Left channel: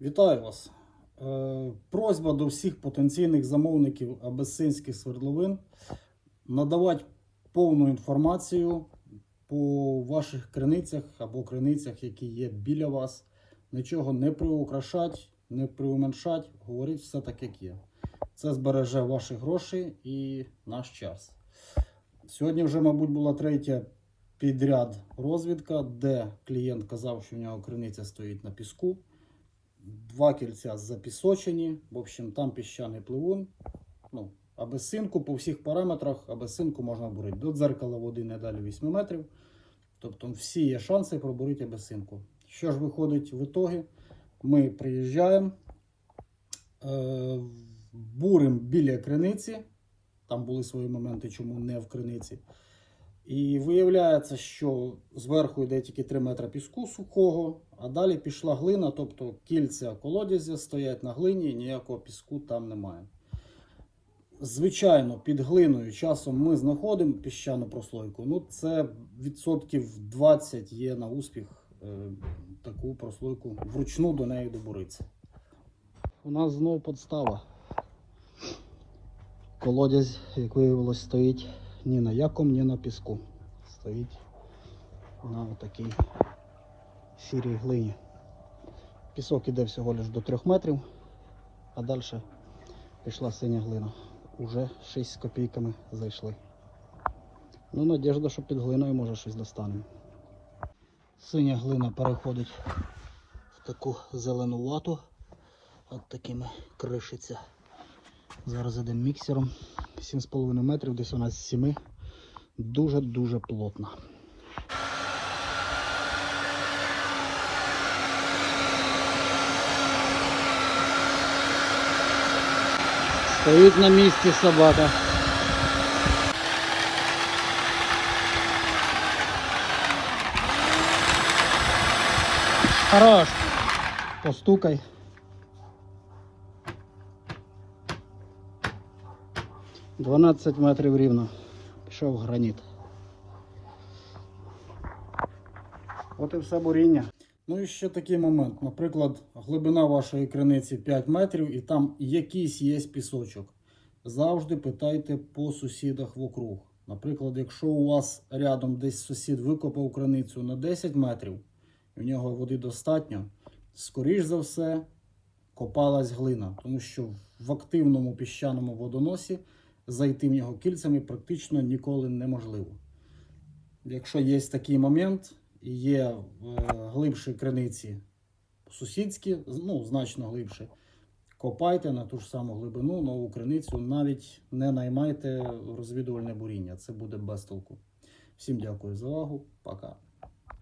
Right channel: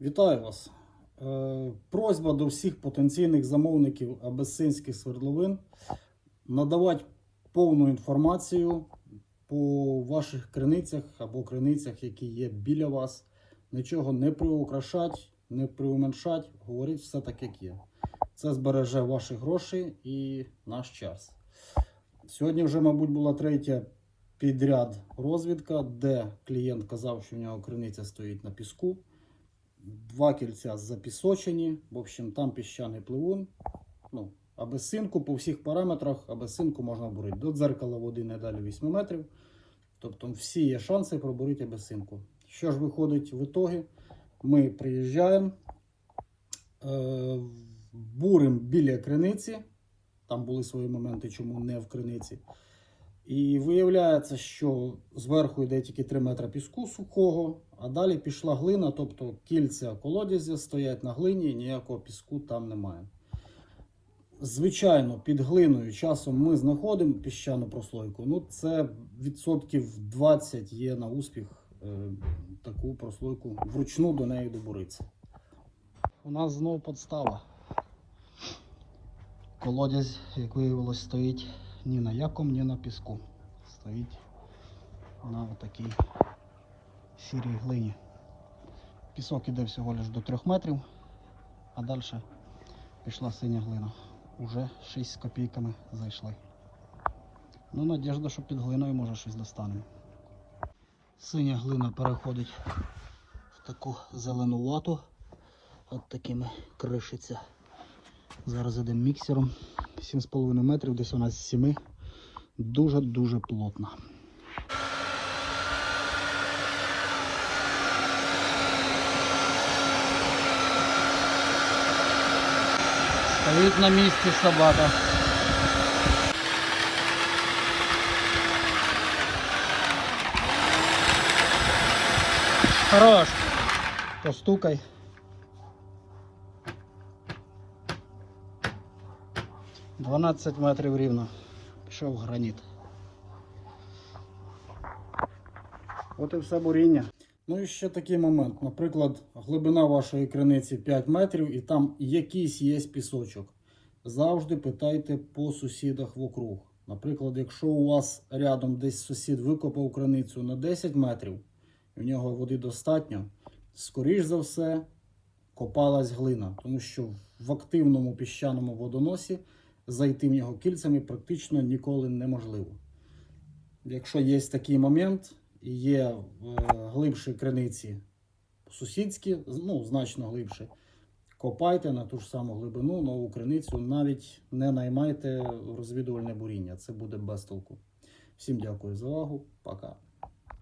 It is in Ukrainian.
Вітаю вас. Е, Просьба до всіх потенційних замовників абесинських свердловин надавати повну інформацію по ваших криницях або криницях, які є біля вас. Нічого не приукрашати, не приуменшать, говоріть все так, як є. Це збереже ваші гроші і наш час. Сьогодні вже, мабуть, була третя підряд розвідка, де клієнт казав, що в нього криниця стоїть на піску. Два кільця запісочені. В общем, там піщаний пливун. Ну, абесинку по всіх параметрах абесинку можна бурити. До дзеркала води не далі 8 метрів. Тобто всі є шанси пробурити абесинку. Що ж виходить в ітогі? Ми приїжджаємо, е, буримо біля криниці. Там були свої моменти, чому не в криниці. І виявляється, що зверху йде тільки 3 метри піску сухого, а далі пішла глина, тобто кільця колодязя стоять на глині, і ніякого піску там немає. Звичайно, під глиною часом ми знаходимо піщану прослойку. Ну, це відсотків 20 є на успіх е, таку прослойку вручну до неї добуритися. У нас знову подстава. Колодязь, як виявилось, стоїть ні на якому, ні на піску. Стоїть на такій сірій глині. Пісок іде всього лише до 3 метрів, а далі пішла синя глина. Уже 6 з копійками зайшли. Ну, надіжда, що під глиною може щось достанемо. Синя глина переходить в таку зелену лату. От такими кришиться. Зараз йдемо міксером. 7,5 метрів, десь у нас з 7. Дуже-дуже плотно. Стоїть на місці собака. Хорош. Постукай. Дванадцять метрів рівно. Пішов граніт. От і все буріння. Ну і ще такий момент. Наприклад, глибина вашої криниці 5 метрів і там якийсь є пісочок. Завжди питайте по сусідах вокруг. Наприклад, якщо у вас рядом десь сусід викопав криницю на 10 метрів, у нього води достатньо, скоріш за все, копалась глина, тому що в активному піщаному водоносі зайти в нього кільцями практично ніколи неможливо. Якщо є такий момент, і є в глибшій криниці сусідські, ну, значно глибше, копайте на ту ж саму глибину, нову криницю, навіть не наймайте розвідувальне буріння. Це буде без толку. Всім дякую за увагу. Пока.